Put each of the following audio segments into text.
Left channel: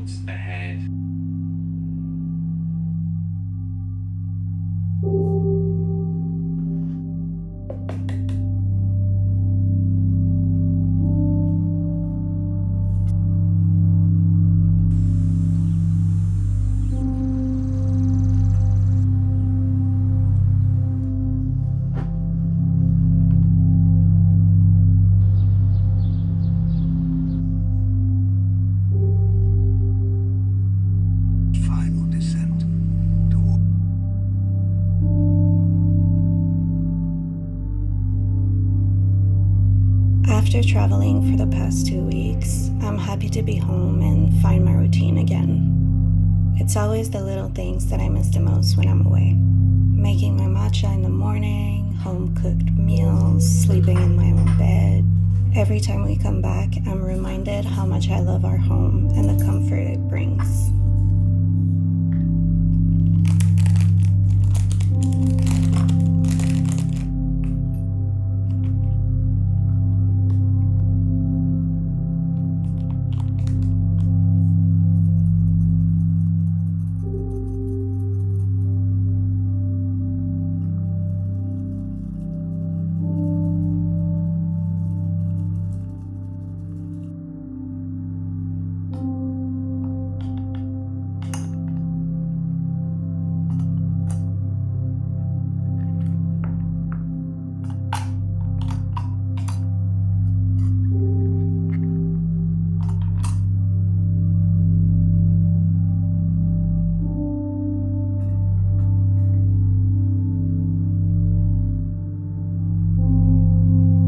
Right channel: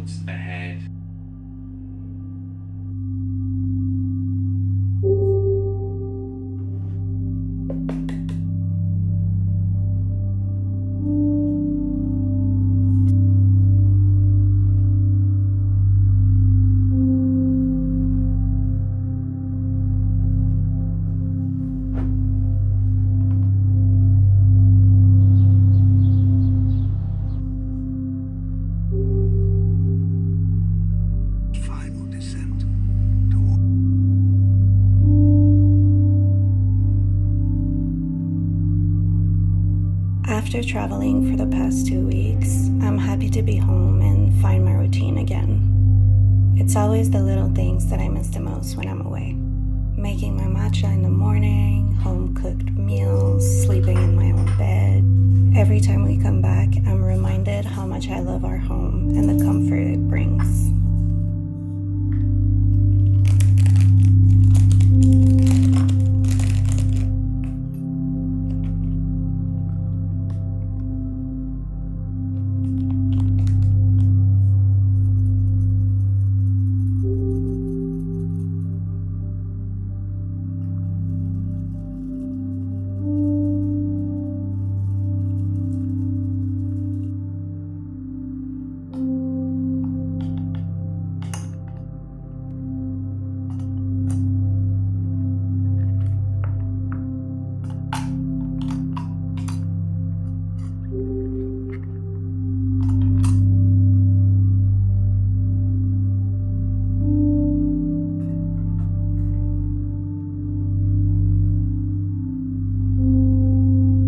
towards the head. Final descent toward. After traveling for the past 2 weeks, I'm happy to be home and find my routine again. It's always the little things that I miss the most when I'm away. Making my matcha in the morning, home-cooked meals, sleeping in my own bed. Every time we come back, I'm reminded how much I love our home and the comfort it brings.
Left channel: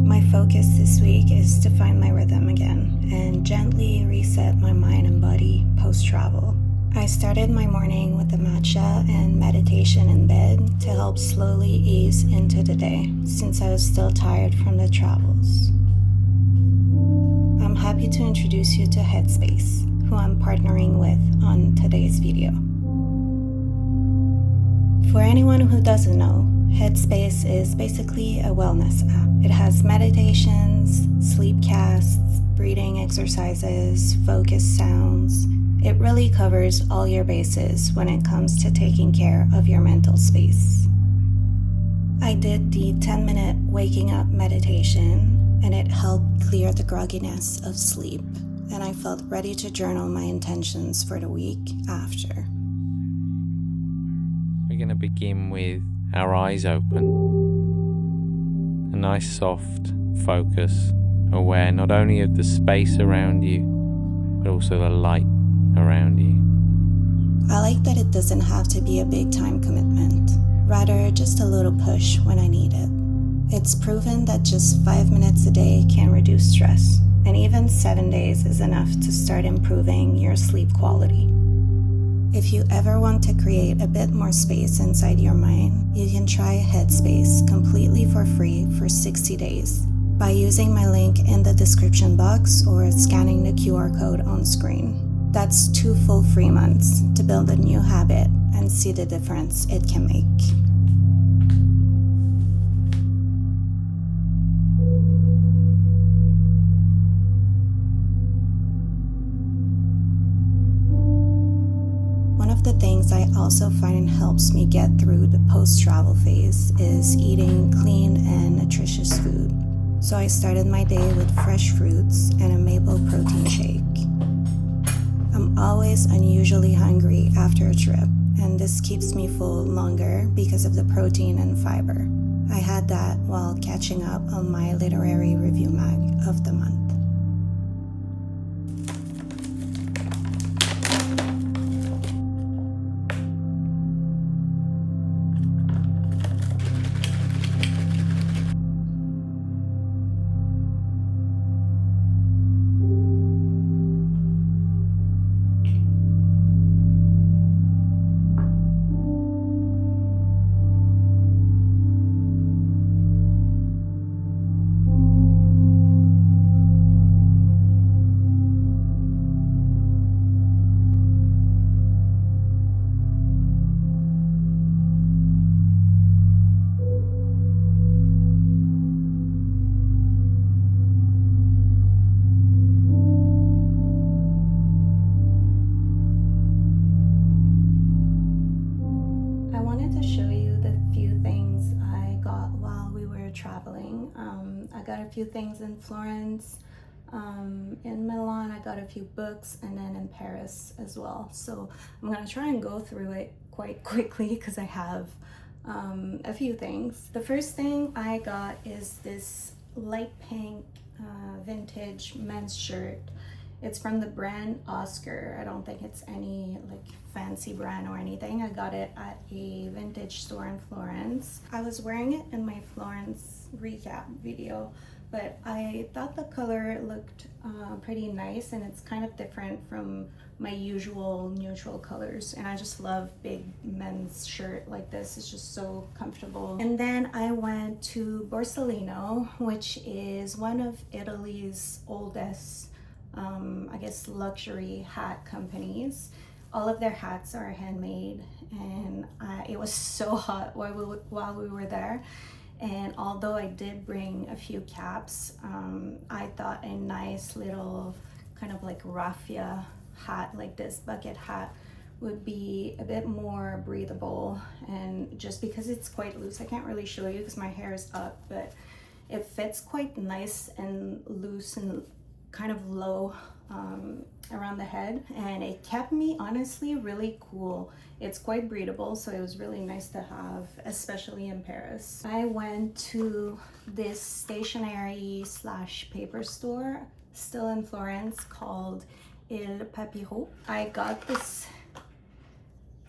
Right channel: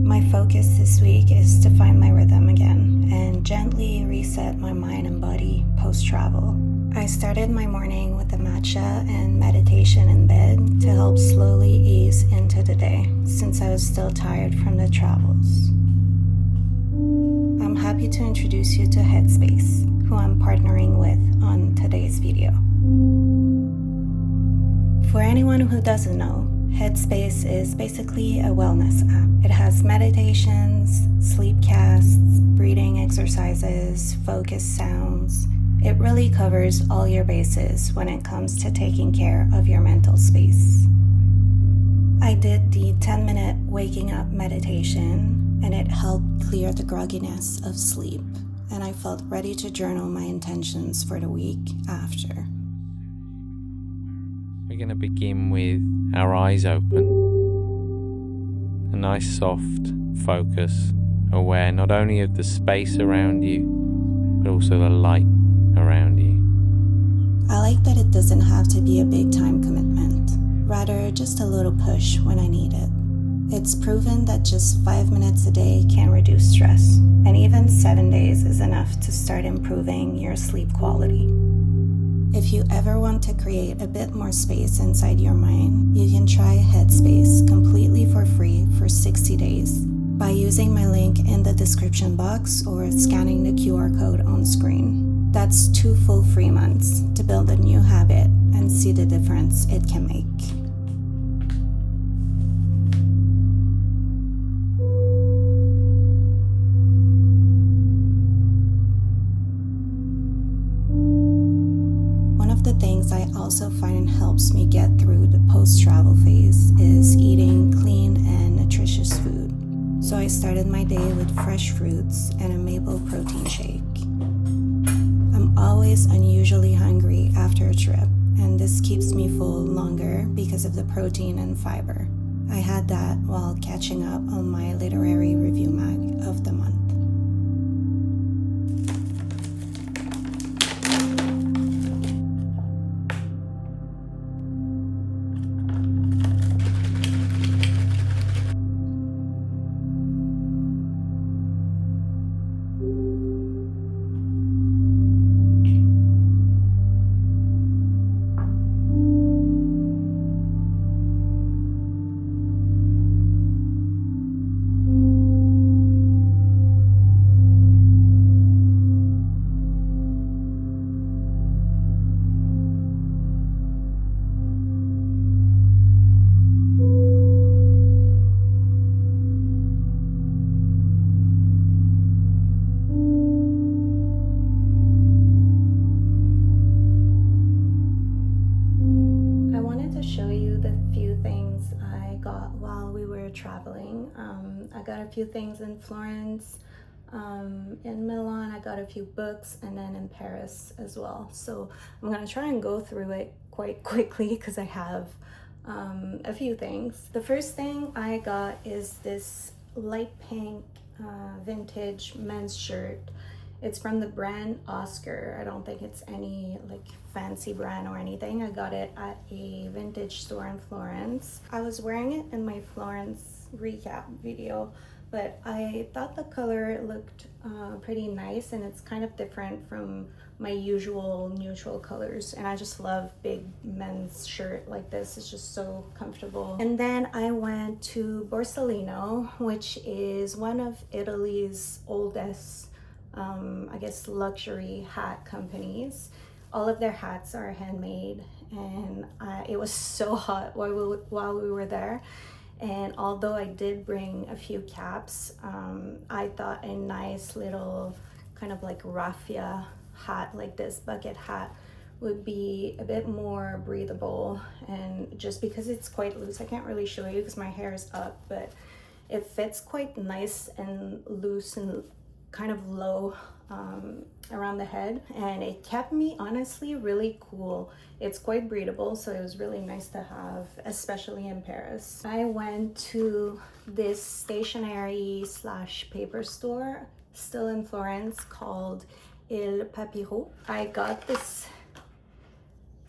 My focus this week is to find my rhythm again and gently reset my mind and body post-travel. I started my morning with a matcha and meditation in bed to help slowly ease into the day since I was still tired from the travels. I'm happy to introduce you to Headspace, who I'm partnering with on today's video. For anyone who doesn't know, Headspace is basically a wellness app. It has meditations, sleep casts, breathing exercises, focus sounds. It really covers all your bases when it comes to taking care of your mental space. I did the 10-minute waking up meditation, and it helped clear the grogginess of sleep, and I felt ready to journal my intentions for the week after. We're going to begin with our eyes open. A nice soft focus, aware not only of the space around you, but also the light around you. I like that it doesn't have to be a big time commitment, rather just a little push when I need it. It's proven that just 5 minutes a day can reduce stress, and even 7 days is enough to start improving your sleep quality. If you ever want to create a bit more space inside your mind, you can try Headspace completely for free for 60 days by using my link in the description box or scanning the QR code on screen. That's 2 full free months to build a new habit and see the difference it can make. One of the things I also find helps me get through the post-travel phase is eating clean and nutritious food. So I started my day with fresh fruits and a maple protein shake. I'm always unusually hungry after a trip, and this keeps me full longer because of the protein and fiber. I had that while catching up on my literary review mag of the month. traveling. I got a few things in Florence. In Milan, I got a few books, and then in Paris as well. So I'm gonna try and go through it quite quickly because I have a few things. The first thing I got is this light pink vintage men's shirt. It's from the brand Oscar. I don't think it's any like fancy brand or anything. I got it at a vintage store in Florence. I was wearing it in my Florence recap video, but I thought the color looked pretty nice, and it's kind of different from my usual neutral colors, and I just love big men's shirt like this. It's just so comfortable. And then I went to Borsellino, which is one of Italy's oldest I guess luxury hat companies. All of their hats are handmade, and it was so hot while we were there. And although I did bring a few caps, I thought a nice little kind of like raffia hat, like this bucket hat, would be a bit more breathable. And just because it's quite loose, I can't really show you because my hair is up, but it fits quite nice and loose and kind of low around the head, and it kept me honestly really cool. It's quite breathable, so it was really nice to have, especially in Paris. I went to this stationery slash paper store still in Florence called Il Papiro. I got this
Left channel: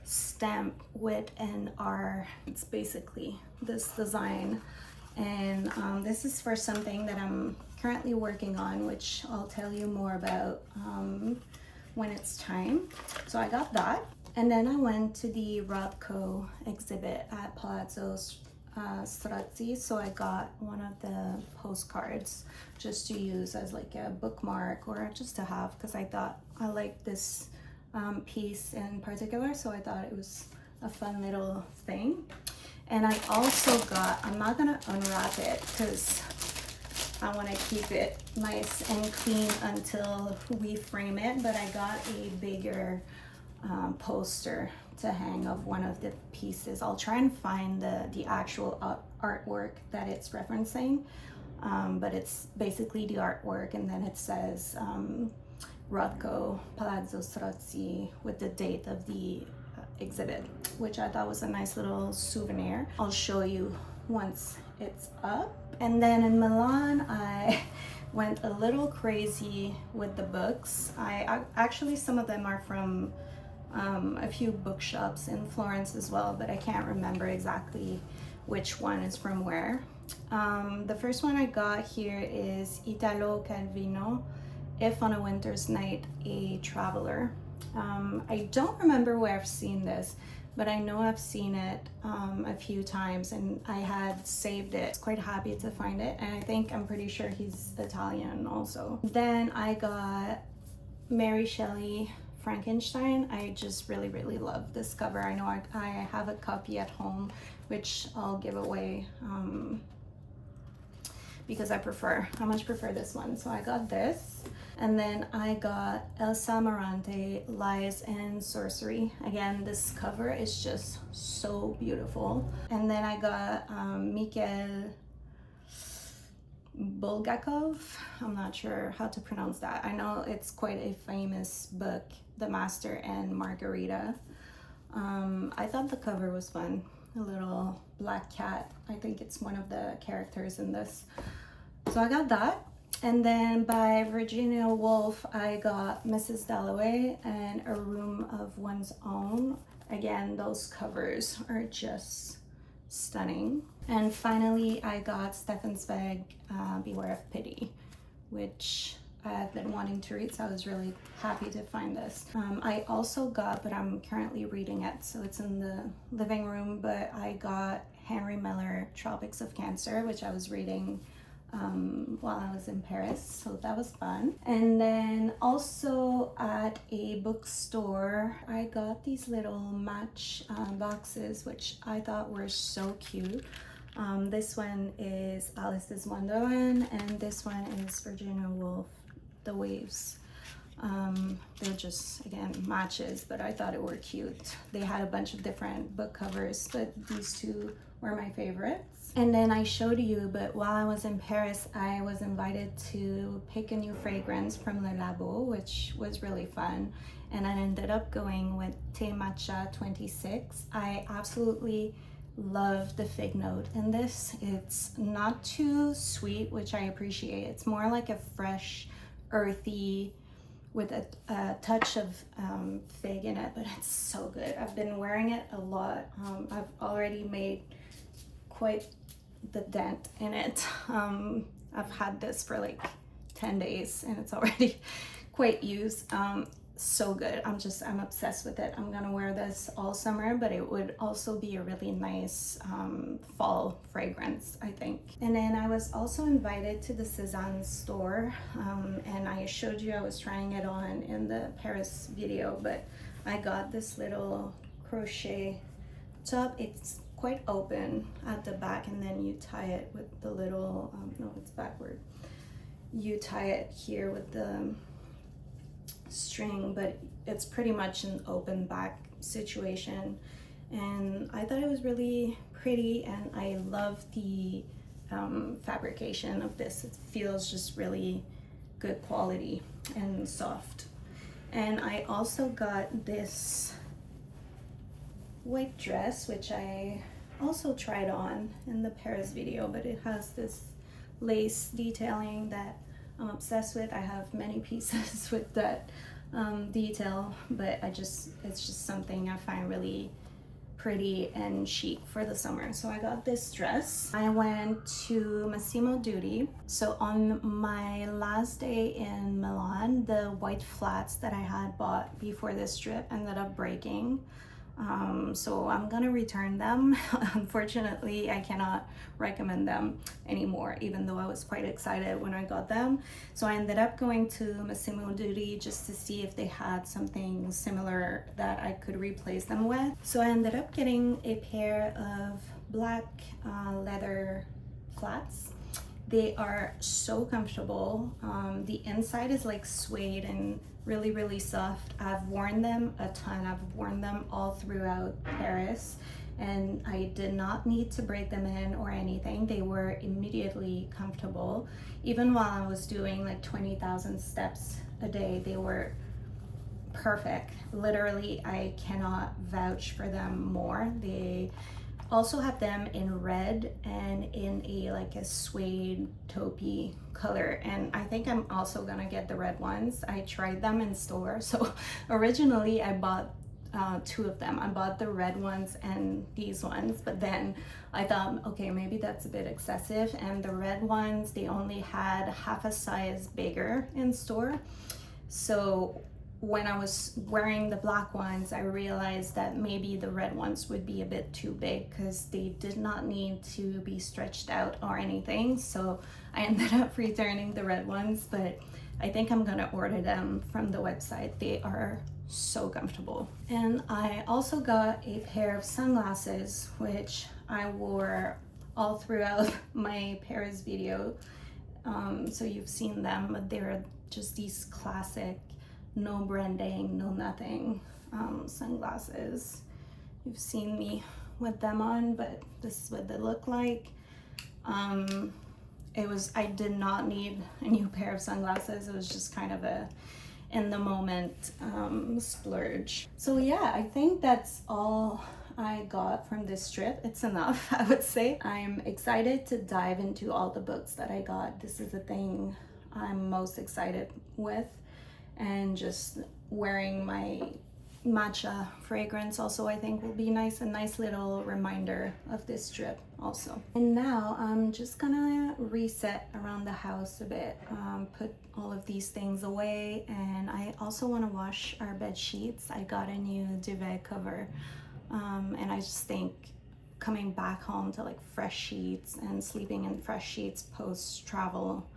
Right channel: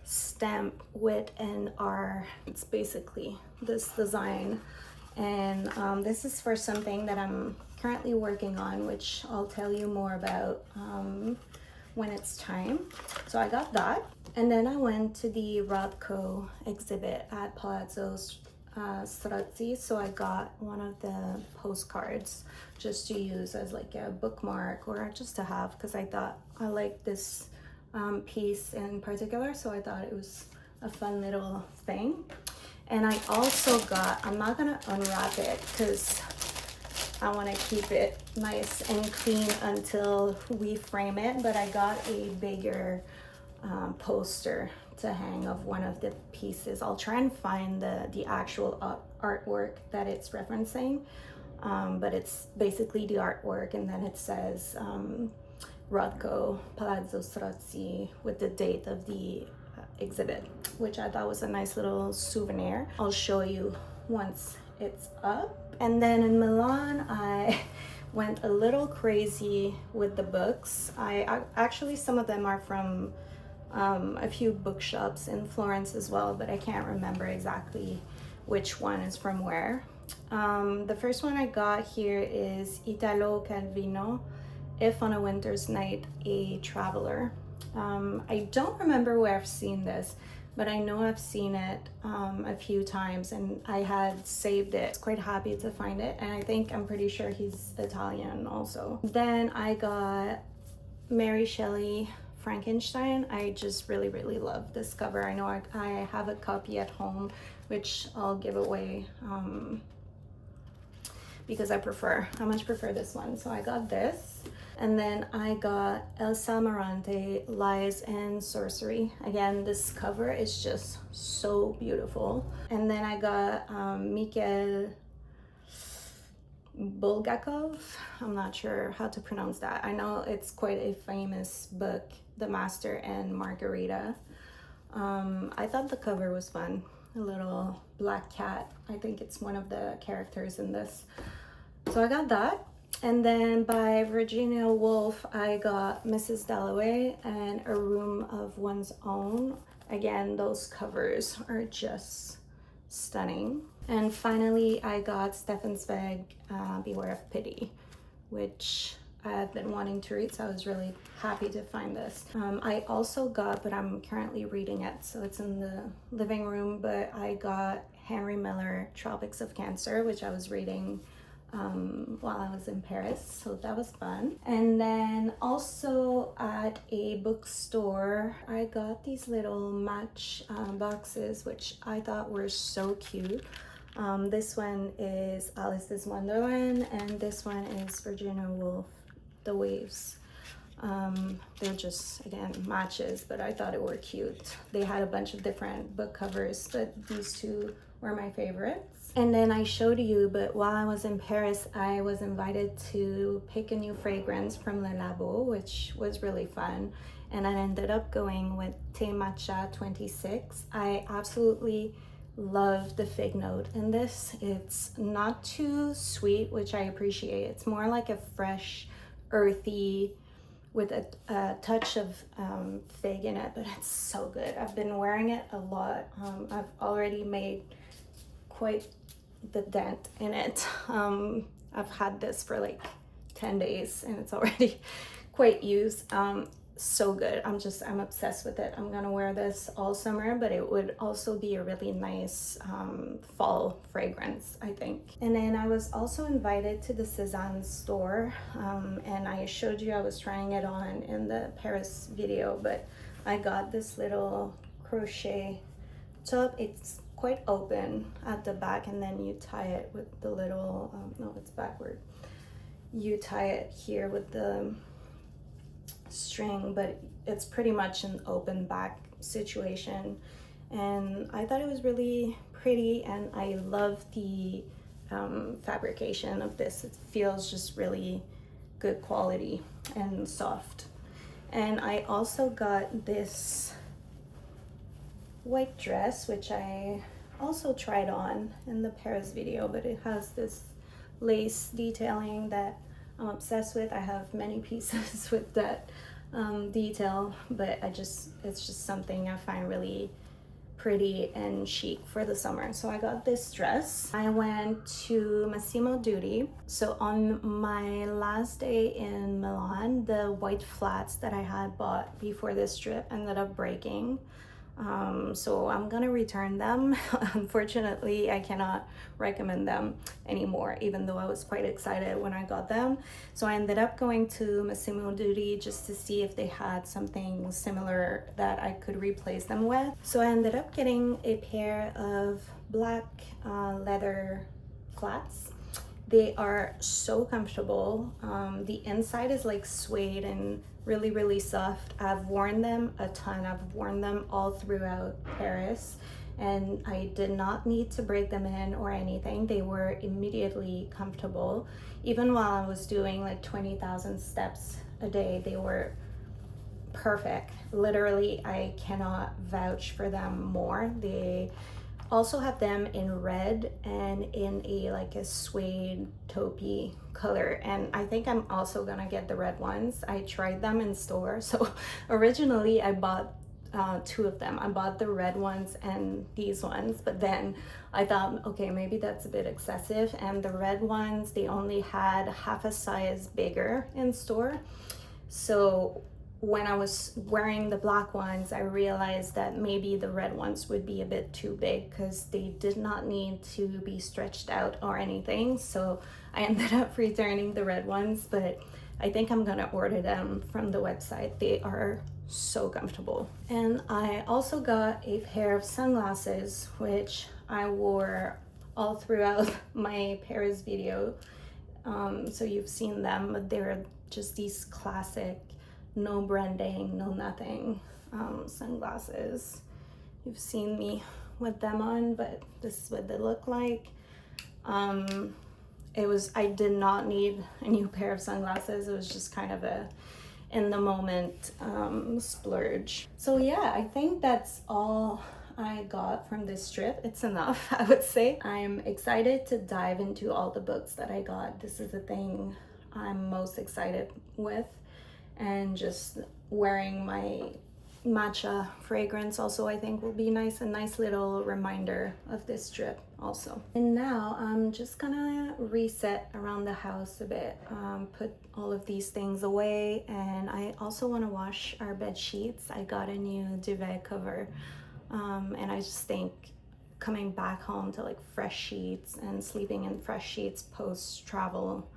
stamp with an R. It's basically this design, and this is for something that I'm currently working on, which I'll tell you more about when it's time. So I got that, and then I went to the Rothko exhibit at Palazzo Strozzi. So I got one of the postcards just to use as like a bookmark or just to have, because I thought I liked this piece in particular, so I thought it was a fun little thing. And I also got, I'm not gonna unwrap it because I want to keep it nice and clean until we frame it, but I got a bigger poster to hang of one of the pieces. I'll try and find the actual artwork that it's referencing, but it's basically the artwork, and then it says Rothko, Palazzo Strozzi, with the date of the exhibit, which I thought was a nice little souvenir. I'll show you once it's up. And then in Milan, I went a little crazy with the books. I actually, some of them are from a few bookshops in Florence as well, but I can't remember exactly which one is from where. The first one I got here is Italo Calvino, If on a Winter's Night, a Traveler. I don't remember where I've seen this, but I know I've seen it a few times, and I had saved it. I was quite happy to find it, and I'm pretty sure he's Italian also. Then I got Mary Shelley, Frankenstein. I just really love this cover. I know I have a copy at home, which I'll give away because I much prefer this one. So I got this. And then I got Elsa Morante, Lies and Sorcery. Again, this cover is just so beautiful. And then I got Mikhail Bulgakov. I'm not sure how to pronounce that. I know it's quite a famous book, The Master and Margarita. I thought the cover was fun. A little black cat. I think it's one of the characters in this. So I got that. And then by Virginia Woolf, I got Mrs. Dalloway and A Room of One's Own. Again, those covers are just stunning. And finally, I got Stefan Zweig, Beware of Pity, which I've been wanting to read, so I was really happy to find this. I also got, but I'm currently reading it, so it's in the living room, but I got Henry Miller, Tropics of Cancer, which I was reading while I was in Paris, so that was fun. And then also at a bookstore, I got these little match boxes, which I thought were so cute. This one is Alice's Wonderland, and this one is Virginia Woolf, The Waves. They're just, again, matches, but I thought it were cute. They had a bunch of different book covers, but these two were my favorites. And then I showed you, but while I was in Paris, I was invited to pick a new fragrance from Le Labo, which was really fun. And I ended up going with Thé Matcha 26. I absolutely love the fig note in this. It's not too sweet, which I appreciate. It's more like a fresh, earthy, with a touch of fig in it, but it's so good. I've been wearing it a lot. I've already made quite the dent in it. I've had this for like 10 days and it's already quite used. So good. I'm obsessed with it. I'm gonna wear this all summer, but it would also be a really nice fall fragrance, I think. And then I was also invited to the Cézanne store, and I showed you I was trying it on in the Paris video, but I got this little crochet top. It's quite open at the back, and then you tie it with the little, no, it's backward. You tie it here with the string, but it's pretty much an open back situation, and I thought it was really pretty, and I love the fabrication of this. It feels just really good quality and soft. And I also got this white dress, which I also tried on in the Paris video, but it has this lace detailing that I'm obsessed with. I have many pieces with that detail, but it's just something I find really pretty and chic for the summer. So I got this dress. I went to Massimo Dutti. So on my last day in Milan, the white flats that I had bought before this trip ended up breaking. So I'm gonna return them. Unfortunately, I cannot recommend them anymore, even though I was quite excited when I got them. So I ended up going to Massimo Dutti just to see if they had something similar that I could replace them with. So I ended up getting a pair of black leather flats. They are so comfortable. The inside is like suede and really soft. I've worn them a ton. I've worn them all throughout Paris, and I did not need to break them in or anything. They were immediately comfortable. Even while I was doing like 20,000 steps a day, they were perfect. Literally, I cannot vouch for them more. They also have them in red and in a suede taupey color, and I think I'm also gonna get the red ones. I tried them in store. So originally I bought two of them. I bought the red ones and these ones, but then I thought, okay, maybe that's a bit excessive, and the red ones, they only had half a size bigger in store. So when I was wearing the black ones, I realized that maybe the red ones would be a bit too big because they did not need to be stretched out or anything. So I ended up returning the red ones, but I think I'm gonna order them from the website. They are so comfortable. And I also got a pair of sunglasses, which I wore all throughout my Paris video. So you've seen them, but they're just these classic, no branding, no nothing sunglasses. You've seen me with them on, but this is what they look like. I did not need a new pair of sunglasses. It was just kind of a in the moment splurge. So yeah, I think that's all I got from this trip. It's enough, I would say. I'm excited to dive into all the books that I got. This is the thing I'm most excited with, and just wearing my matcha fragrance also I think will be nice, a nice little reminder of this trip also. And now I'm just gonna reset around the house a bit, put all of these things away, and I also want to wash our bed sheets. I got a new duvet cover, and I just think coming back home to like fresh sheets and sleeping in fresh sheets post travel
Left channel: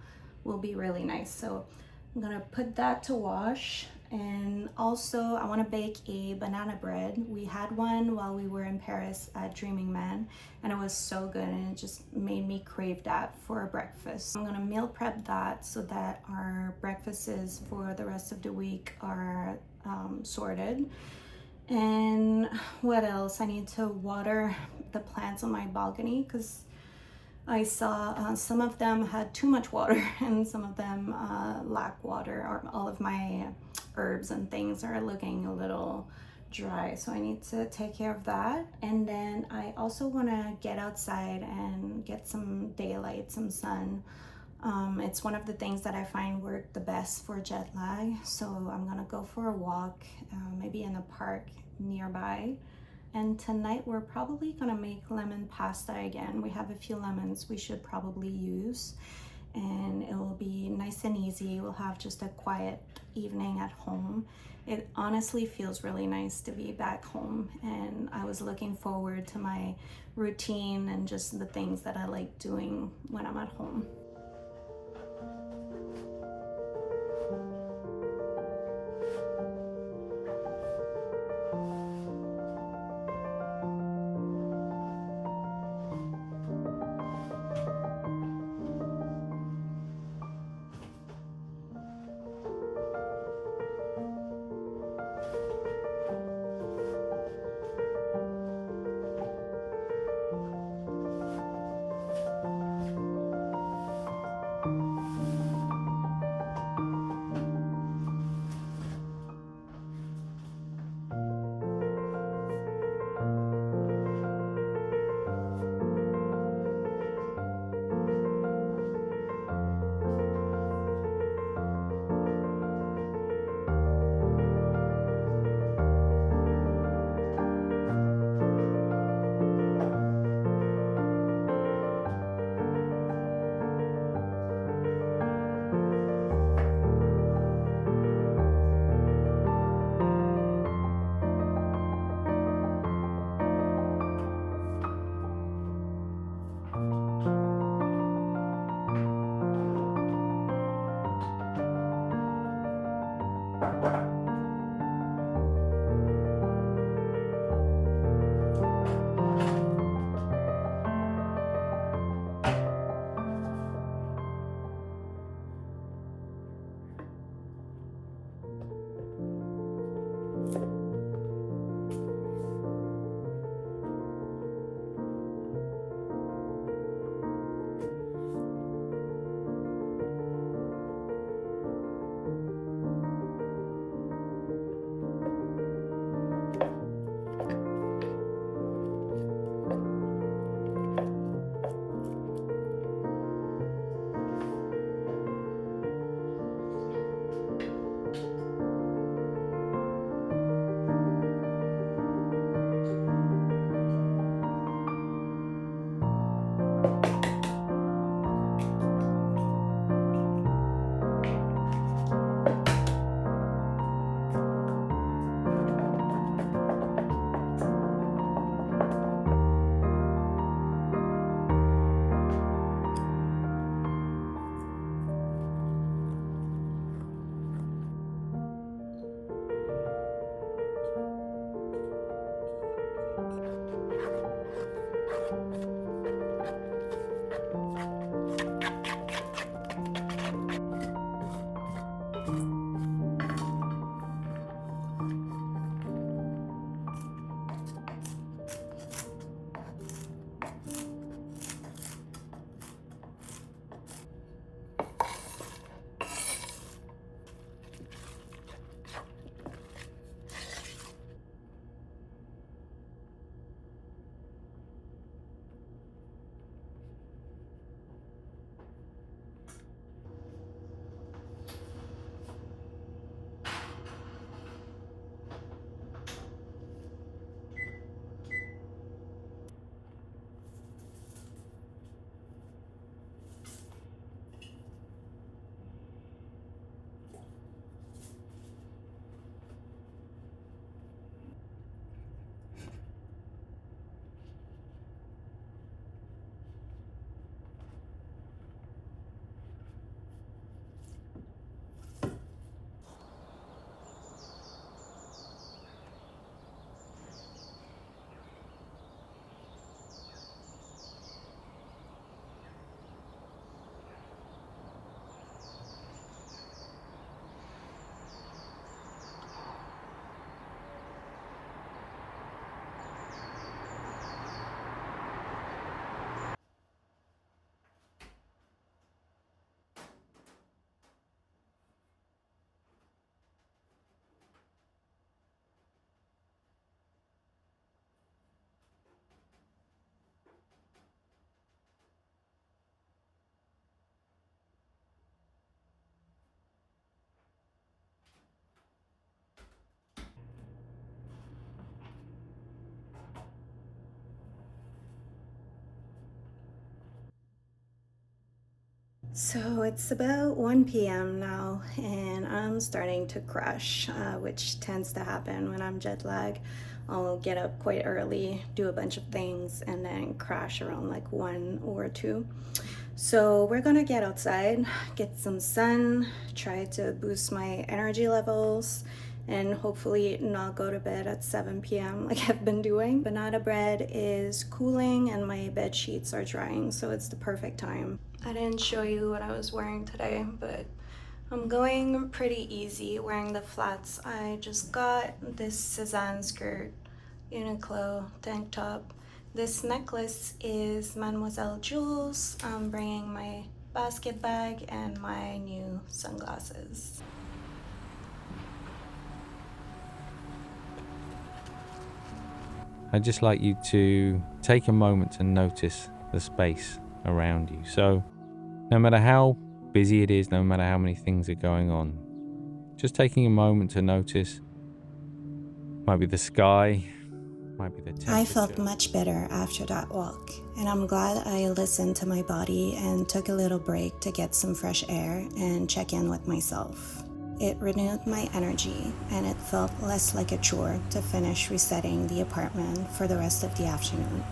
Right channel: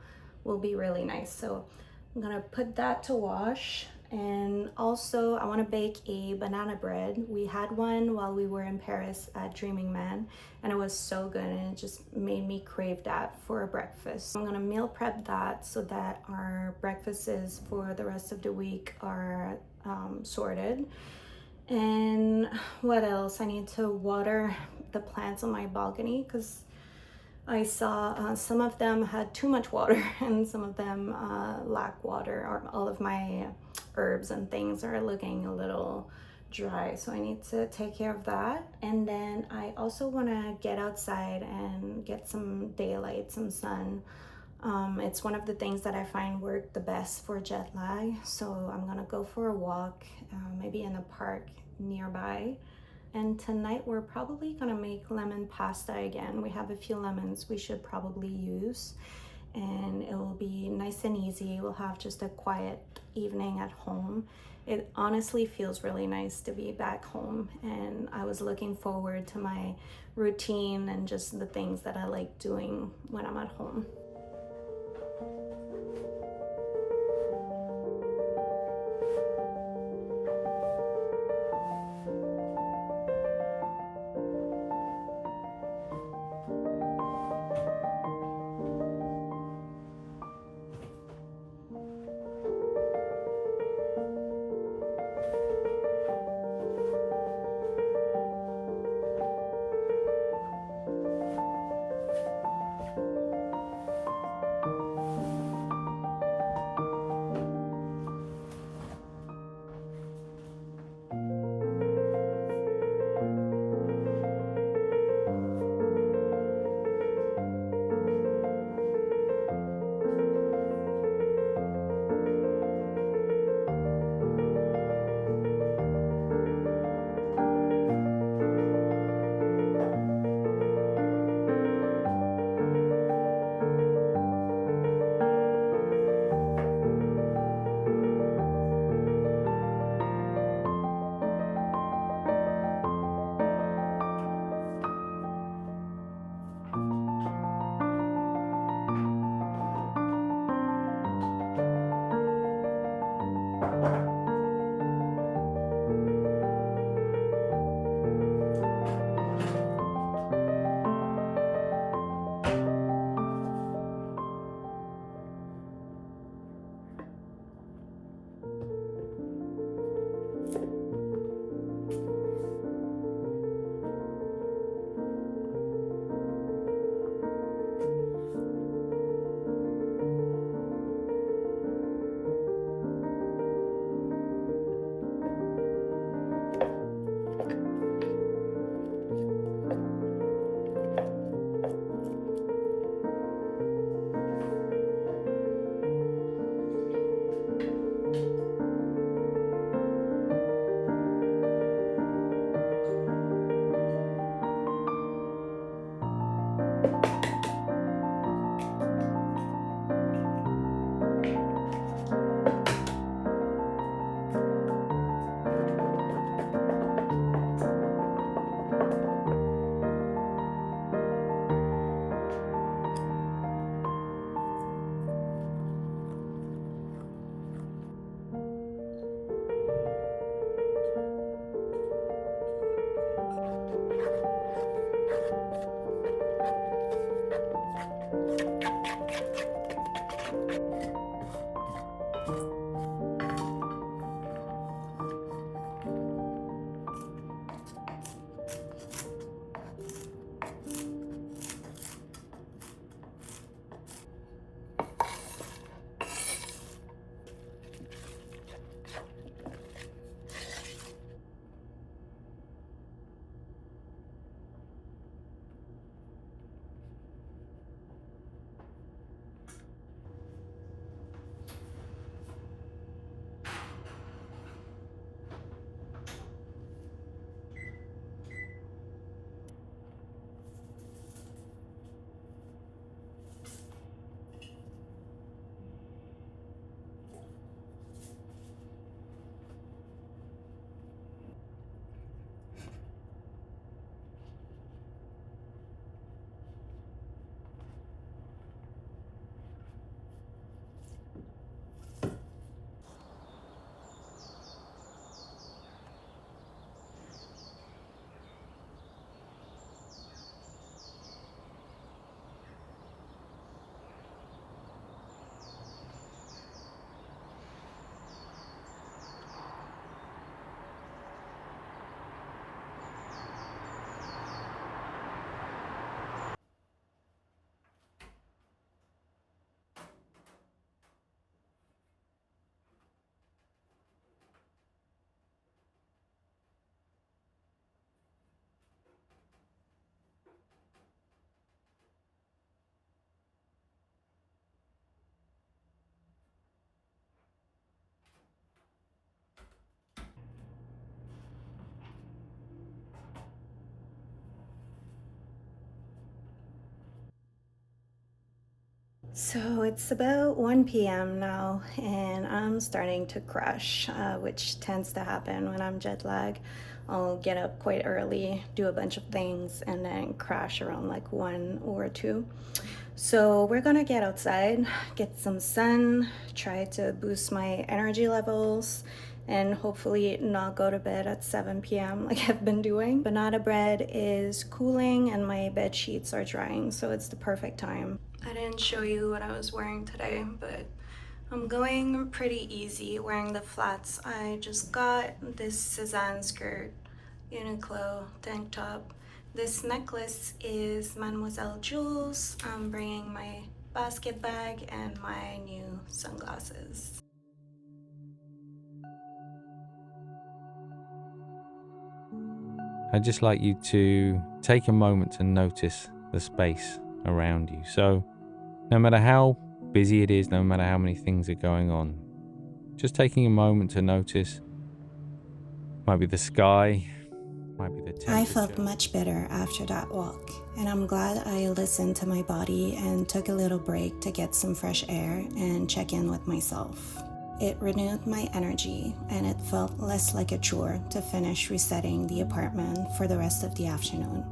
will be really nice. So I'm gonna put that to wash. And also I want to bake a banana bread. We had one while we were in Paris at Dreaming Man, and it was so good, and it just made me crave that for breakfast. I'm gonna meal prep that so that our breakfasts for the rest of the week are sorted. And what else? I need to water the plants on my balcony because I saw some of them had too much water and some of them lack water, or all of my herbs and things are looking a little dry, so I need to take care of that. And then I also want to get outside and get some daylight, some sun. It's one of the things that I find work the best for jet lag, so I'm gonna go for a walk, maybe in a park nearby. And tonight we're probably gonna make lemon pasta again. We have a few lemons we should probably use, and it will be nice and easy. We'll have just a quiet evening at home. It honestly feels really nice to be back home, and I was looking forward to my routine and just the things that I like doing when I'm at home. So it's about 1 p.m. now, and I'm starting to crash, which tends to happen when I'm jet lagged. I'll get up quite early, do a bunch of things, and then crash around like 1 or 2. So we're gonna get outside, get some sun, try to boost my energy levels, and hopefully not go to bed at 7 p.m. like I've been doing. Banana bread is cooling and my bed sheets are drying, so it's the perfect time. I didn't show you what I was wearing today, but I'm going pretty easy wearing the flats. I just got this Cezanne skirt, Uniqlo tank top. This necklace is Mademoiselle Jewels. I'm bringing my basket bag and my new sunglasses. I'd just like you to take a moment to notice the space around you. So, no matter how busy it is, no matter how many things are going on, just taking a moment to notice. Might be the sky, might be the temperature. I felt much better after that walk, and I'm glad I listened to my body and took a little break to get some fresh air and check in with myself. It renewed my energy, and it felt less like a chore to finish resetting the apartment for the rest of the afternoon.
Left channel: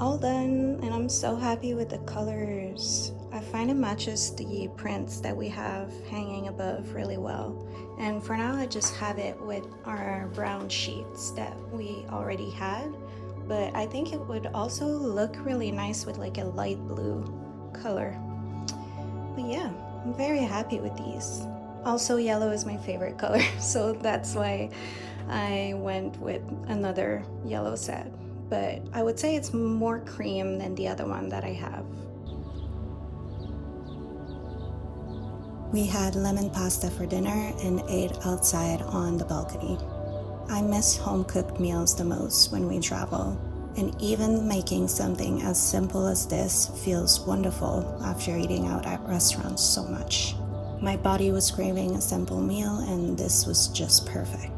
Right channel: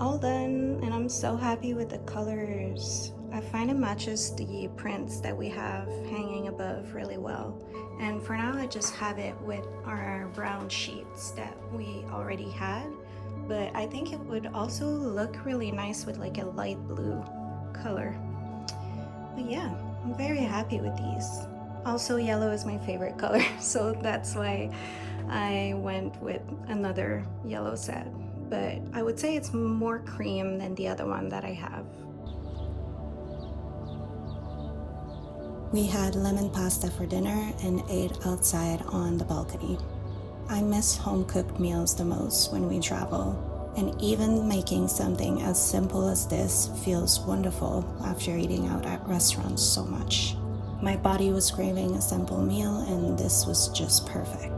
All done, and I'm so happy with the colors. I find it matches the prints that we have hanging above really well. And for now, I just have it with our brown sheets that we already had. But I think it would also look really nice with like a light blue color. But yeah, I'm very happy with these. Also, yellow is my favorite color, so that's why I went with another yellow set. But I would say it's more cream than the other one that I have. We had lemon pasta for dinner and ate outside on the balcony. I miss home-cooked meals the most when we travel, and even making something as simple as this feels wonderful after eating out at restaurants so much. My body was craving a simple meal, and this was just perfect.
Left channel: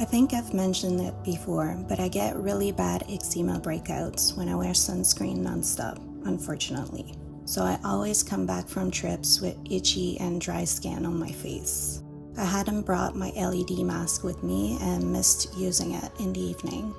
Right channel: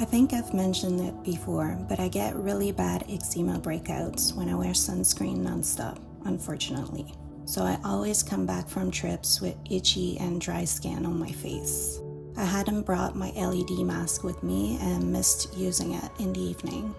I think I've mentioned it before, but I get really bad eczema breakouts when I wear sunscreen nonstop, unfortunately. So I always come back from trips with itchy and dry skin on my face. I hadn't brought my LED mask with me and missed using it in the evening.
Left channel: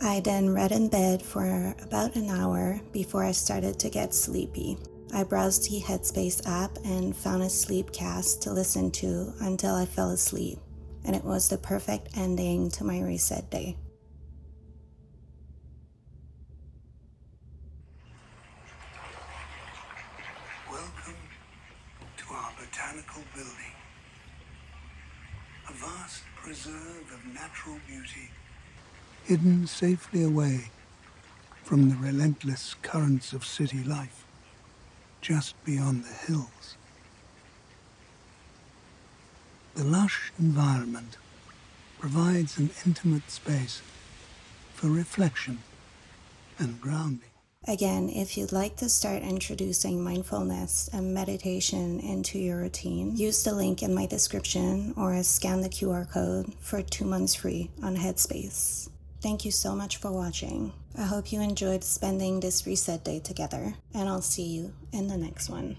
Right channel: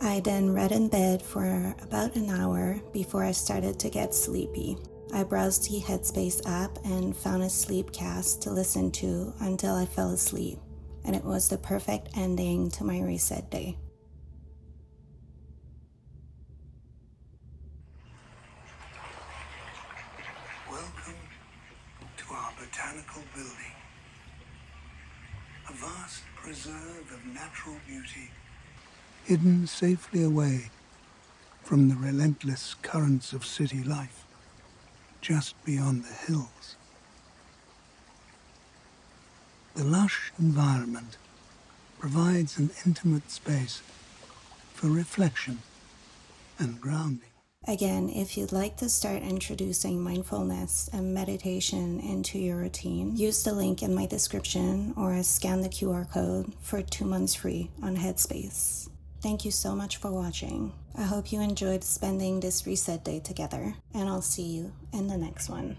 I then read in bed for about an hour before I started to get sleepy. I browsed the Headspace app and found a sleepcast to listen to until I fell asleep, and it was the perfect ending to my reset day. Welcome to our botanical building, a vast preserve of natural beauty, hidden safely away from the relentless currents of city life, just beyond the hills. The lush environment provides an intimate space for reflection and grounding. Again, if you'd like to start introducing mindfulness and meditation into your routine, use the link in my description or scan the QR code for 2 months free on Headspace. Thank you so much for watching. I hope you enjoyed spending this reset day together, and I'll see you in the next one.